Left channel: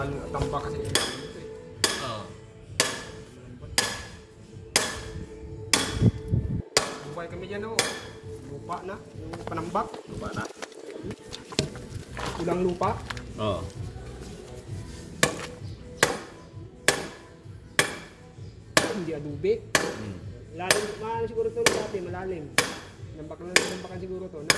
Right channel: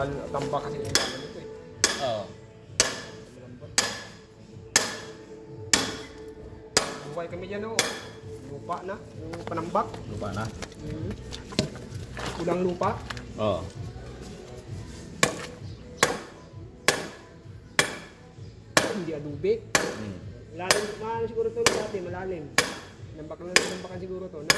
Tambak kasi yung ito eh. Oo. Buhay kami dyan oh. Lupa na. Yung panambak. Lupa na? Kulang lupa. Oo. Hindi adobe. Malalim siguro ito dati, malalim. Nambakan siguro ito, no?